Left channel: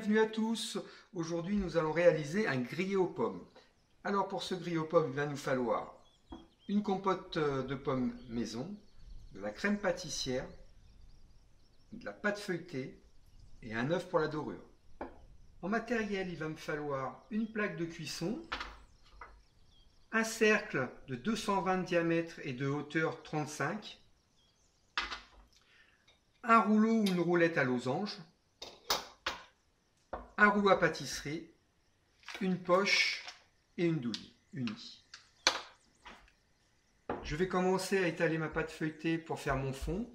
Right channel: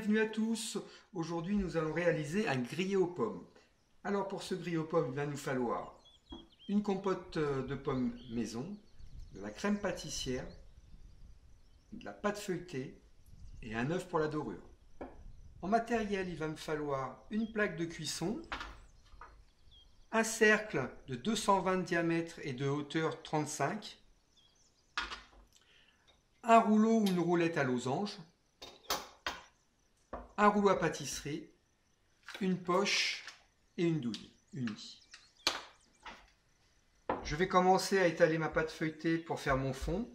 bienvenue à tous. Aujourd'hui, nous allons réaliser un grillé aux pommes. Alors pour ce grillé aux pommes, il va nous falloir une compote de pommes maison, de la crème pâtissière, de la pâte feuilletée et un œuf pour la dorure. En matériel, il va me falloir une plaque de cuisson, un cercle de 220 de diamètre et de hauteur 35, un rouleau ou une roulette à losange, un rouleau à pâtisserie, une poche et une douille unie. Je vais commencer à étaler ma pâte feuilletée pour faire mon fond.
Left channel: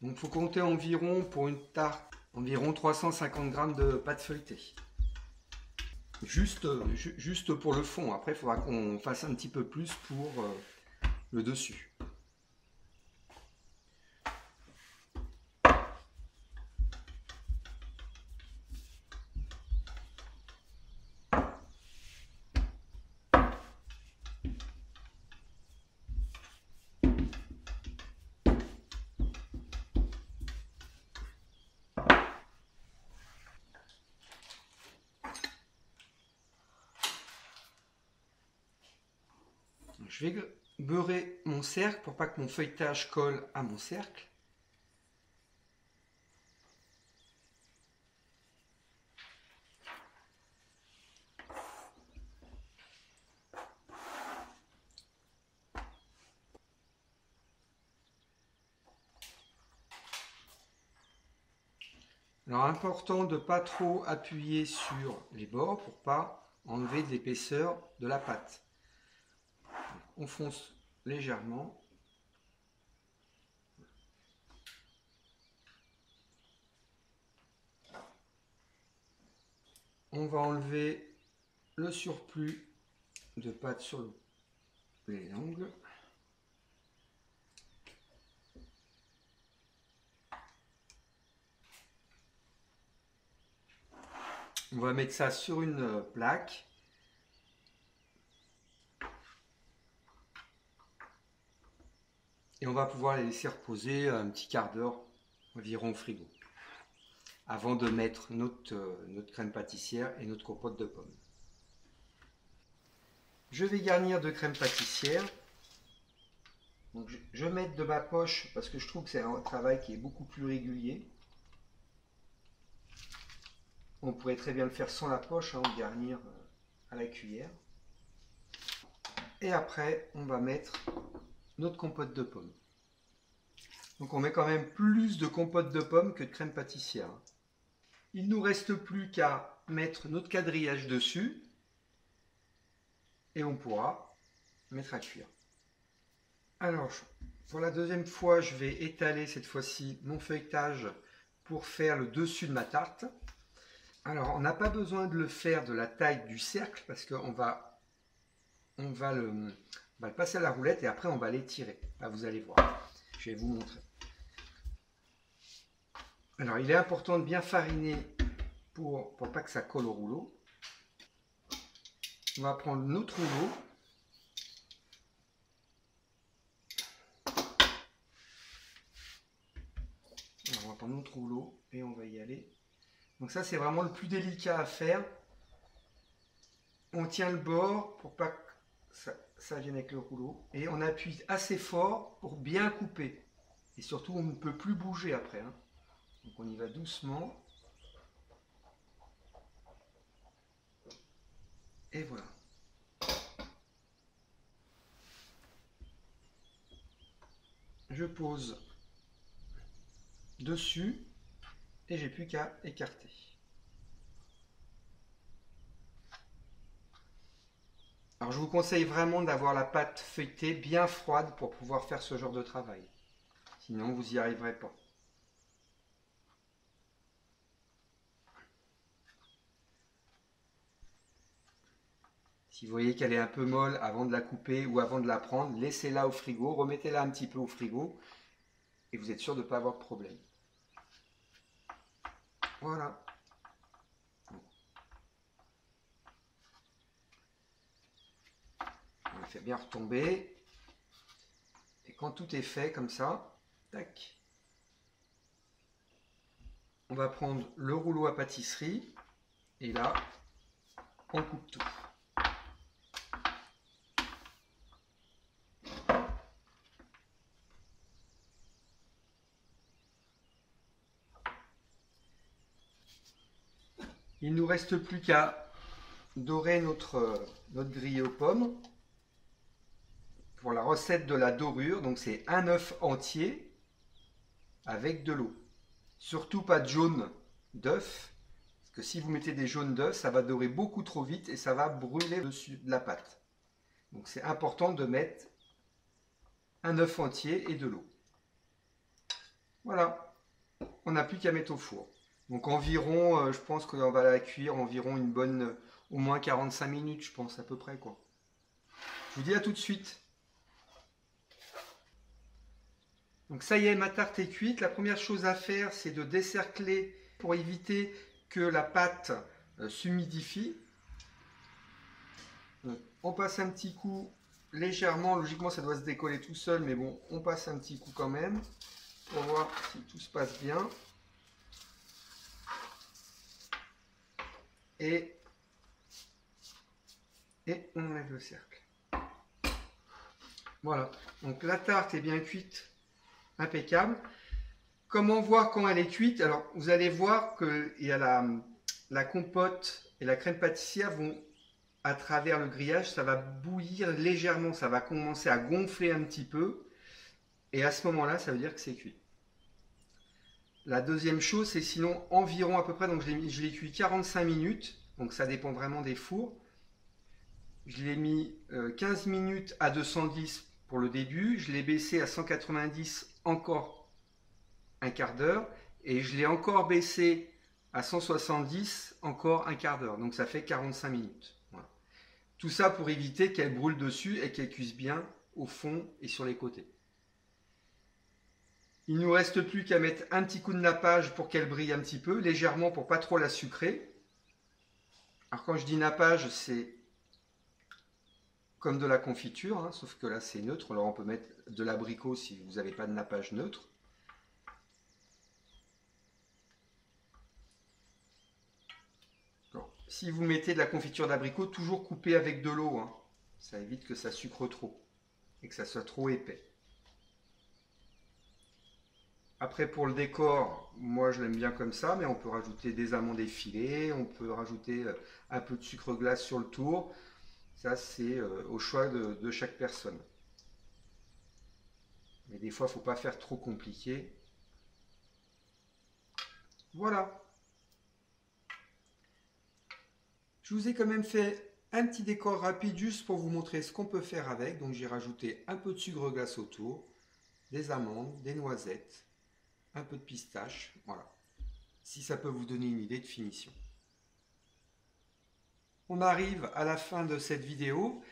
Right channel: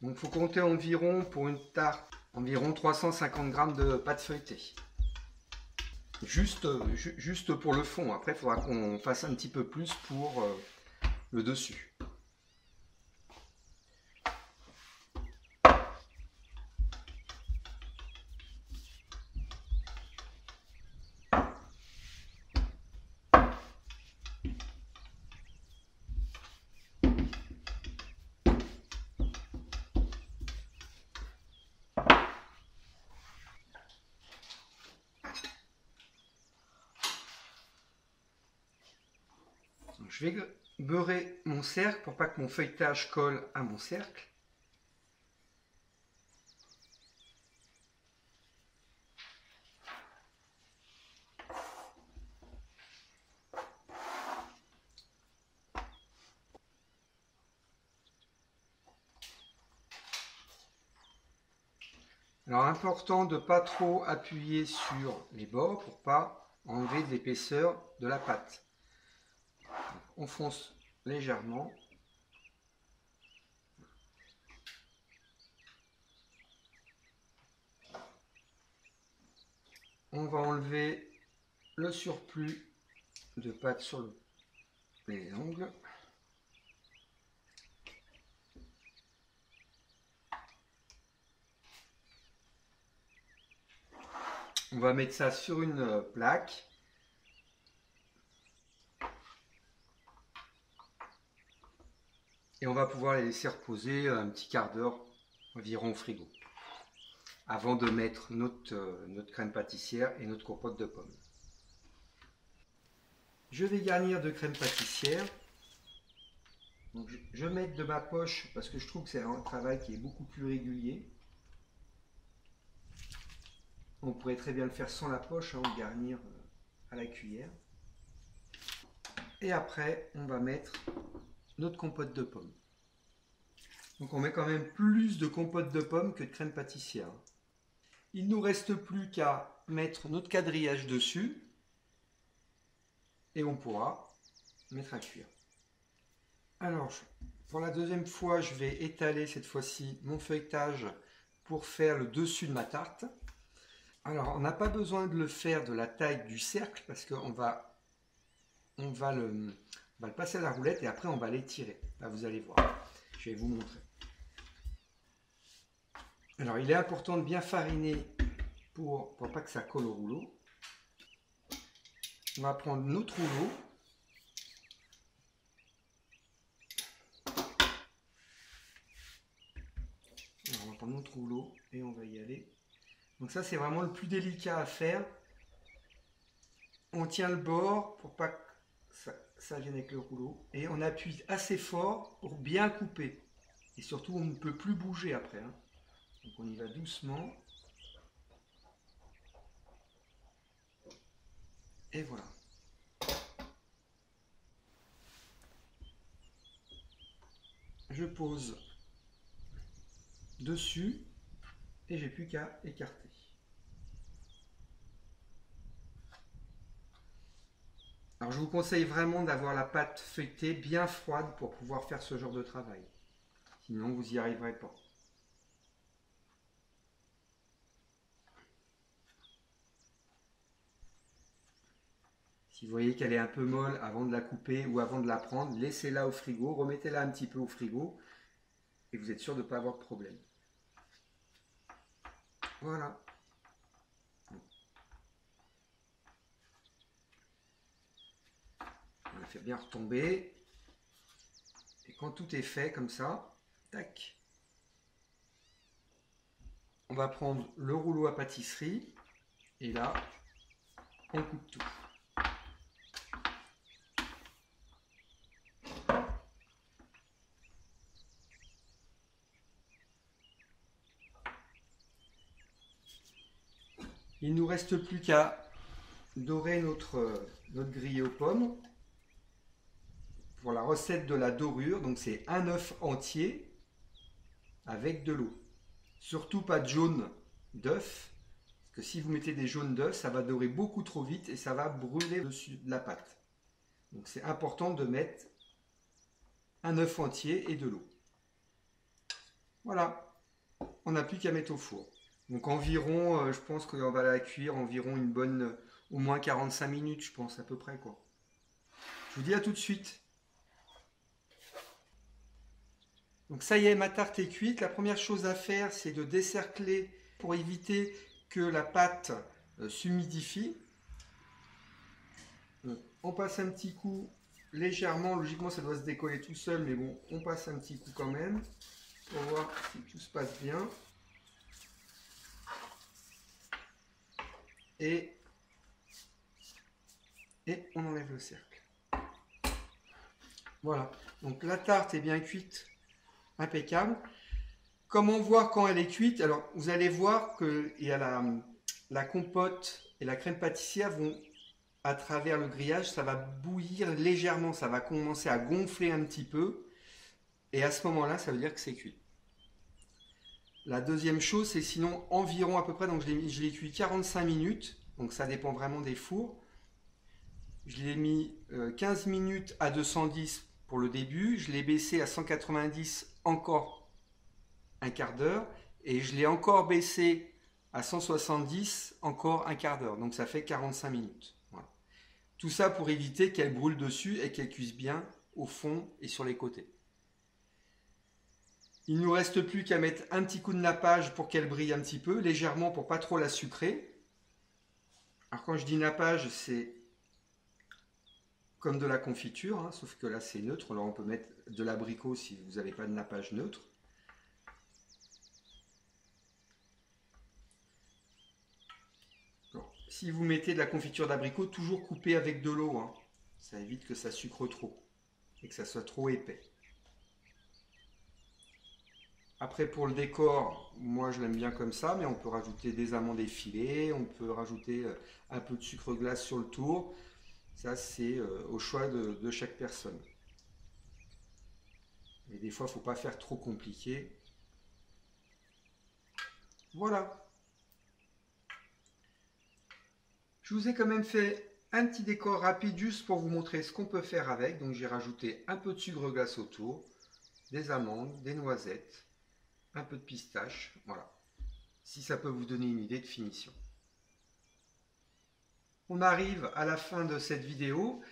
Donc il faut compter environ pour une tarte, environ 350 g de pâte feuilletée. Juste pour le fond. Après, il faudra qu'on fasse un petit peu plus pour le dessus. Je vais beurrer mon cercle pour pas que mon feuilletage colle à mon cercle. Alors important de ne pas trop appuyer sur les bords pour pas enlever de l'épaisseur de la pâte. On fonce légèrement. On va enlever le surplus de pâte sur les angles. On va mettre ça sur une plaque. Et on va pouvoir les laisser reposer un petit quart d'heure environ au frigo, avant de mettre notre crème pâtissière et notre compote de pommes. Je vais garnir de crème pâtissière. Donc je vais mettre de ma poche parce que je trouve que c'est un travail qui est beaucoup plus régulier. On pourrait très bien le faire sans la poche, ou garnir à la cuillère. Et après, on va mettre notre compote de pommes. Donc on met quand même plus de compote de pommes que de crème pâtissière. Il ne nous reste plus qu'à mettre notre quadrillage dessus et on pourra mettre à cuire. Alors pour la deuxième fois, je vais étaler cette fois-ci mon feuilletage pour faire le dessus de ma tarte. Alors on n'a pas besoin de le faire de la taille du cercle parce qu'on va le passer à la roulette et après on va l'étirer. Là vous allez voir, je vais vous montrer. Alors il est important de bien fariner pour pas que ça colle au rouleau. On va prendre notre rouleau. Alors, on va prendre notre rouleau et on va y aller. Donc ça c'est vraiment le plus délicat à faire. On tient le bord pour pas que ça vienne avec le rouleau. Et on appuie assez fort pour bien couper. Et surtout on ne peut plus bouger après. Donc on y va doucement. Et voilà. Je pose dessus et j'ai plus qu'à écarter. Alors je vous conseille vraiment d'avoir la pâte feuilletée bien froide pour pouvoir faire ce genre de travail. Sinon vous n'y arriverez pas. Si vous voyez qu'elle est un peu molle avant de la couper ou avant de la prendre, laissez-la au frigo, remettez-la un petit peu au frigo et vous êtes sûr de ne pas avoir de problème. Voilà. On la fait bien retomber. Et quand tout est fait comme ça, tac, on va prendre le rouleau à pâtisserie et là, on coupe tout. Il ne nous reste plus qu'à dorer notre grillé aux pommes. Pour la recette de la dorure, donc c'est un œuf entier avec de l'eau. Surtout pas de jaune d'œuf, parce que si vous mettez des jaunes d'œuf, ça va dorer beaucoup trop vite et ça va brûler dessus de la pâte. Donc c'est important de mettre un œuf entier et de l'eau. Voilà, on n'a plus qu'à mettre au four. Donc environ, je pense qu'on va la cuire environ une bonne, au moins 45 minutes, je pense à peu près quoi. Je vous dis à tout de suite. Donc ça y est, ma tarte est cuite. La première chose à faire, c'est de décercler pour éviter que la pâte s'humidifie. On passe un petit coup légèrement, logiquement ça doit se décoller tout seul, mais bon, on passe un petit coup quand même pour voir si tout se passe bien. Et on enlève le cercle. Voilà, donc la tarte est bien cuite. Impeccable. Comment voir quand elle est cuite? Alors, vous allez voir que il y a la compote et la crème pâtissière vont, à travers le grillage, ça va bouillir légèrement, ça va commencer à gonfler un petit peu. Et à ce moment-là, ça veut dire que c'est cuit. La deuxième chose, c'est sinon environ à peu près, donc je l'ai cuit 45 minutes, donc ça dépend vraiment des fours. Je l'ai mis 15 minutes à 210 pour le début, je l'ai baissé à 190 encore un quart d'heure et je l'ai encore baissé à 170 encore un quart d'heure, donc ça fait 45 minutes. Voilà. Tout ça pour éviter qu'elle brûle dessus et qu'elle cuise bien au fond et sur les côtés. Il ne nous reste plus qu'à mettre un petit coup de nappage pour qu'elle brille un petit peu, légèrement pour pas trop la sucrer. Alors quand je dis nappage, c'est comme de la confiture, hein, sauf que là c'est neutre. Alors on peut mettre de l'abricot si vous n'avez pas de nappage neutre. Alors, si vous mettez de la confiture d'abricot, toujours coupé avec de l'eau, hein. Ça évite que ça sucre trop et que ça soit trop épais. Après pour le décor, moi je l'aime bien comme ça, mais on peut rajouter des amandes effilées, on peut rajouter un peu de sucre glace sur le tour. Ça, c'est au choix de chaque personne. Mais des fois, il ne faut pas faire trop compliqué. Voilà. Je vous ai quand même fait un petit décor rapide juste pour vous montrer ce qu'on peut faire avec. Donc, j'ai rajouté un peu de sucre glace autour, des amandes, des noisettes, un peu de pistache. Voilà. Si ça peut vous donner une idée de finition. On arrive à la fin de cette vidéo.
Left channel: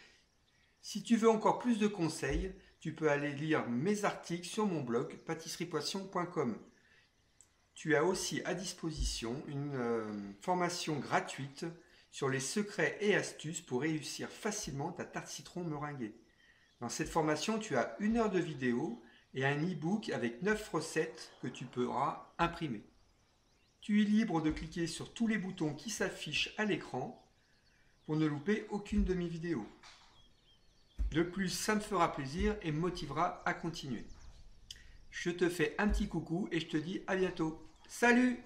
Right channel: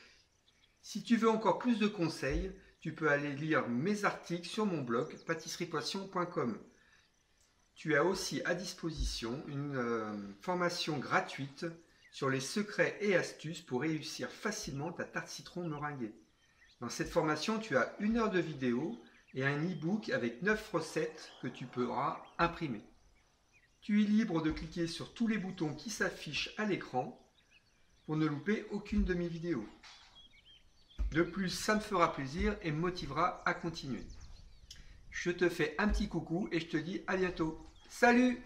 Si tu veux encore plus de conseils, tu peux aller lire mes articles sur mon blog pâtisseriepoisson.com. Tu as aussi à disposition une formation gratuite sur les secrets et astuces pour réussir facilement ta tarte citron meringuée. Dans cette formation, tu as 1 heure de vidéo et un e-book avec 9 recettes que tu pourras imprimer. Tu es libre de cliquer sur tous les boutons qui s'affichent à l'écran pour ne louper aucune de mes vidéos. De plus, ça me fera plaisir et me motivera à continuer. Je te fais un petit coucou et je te dis à bientôt. Salut!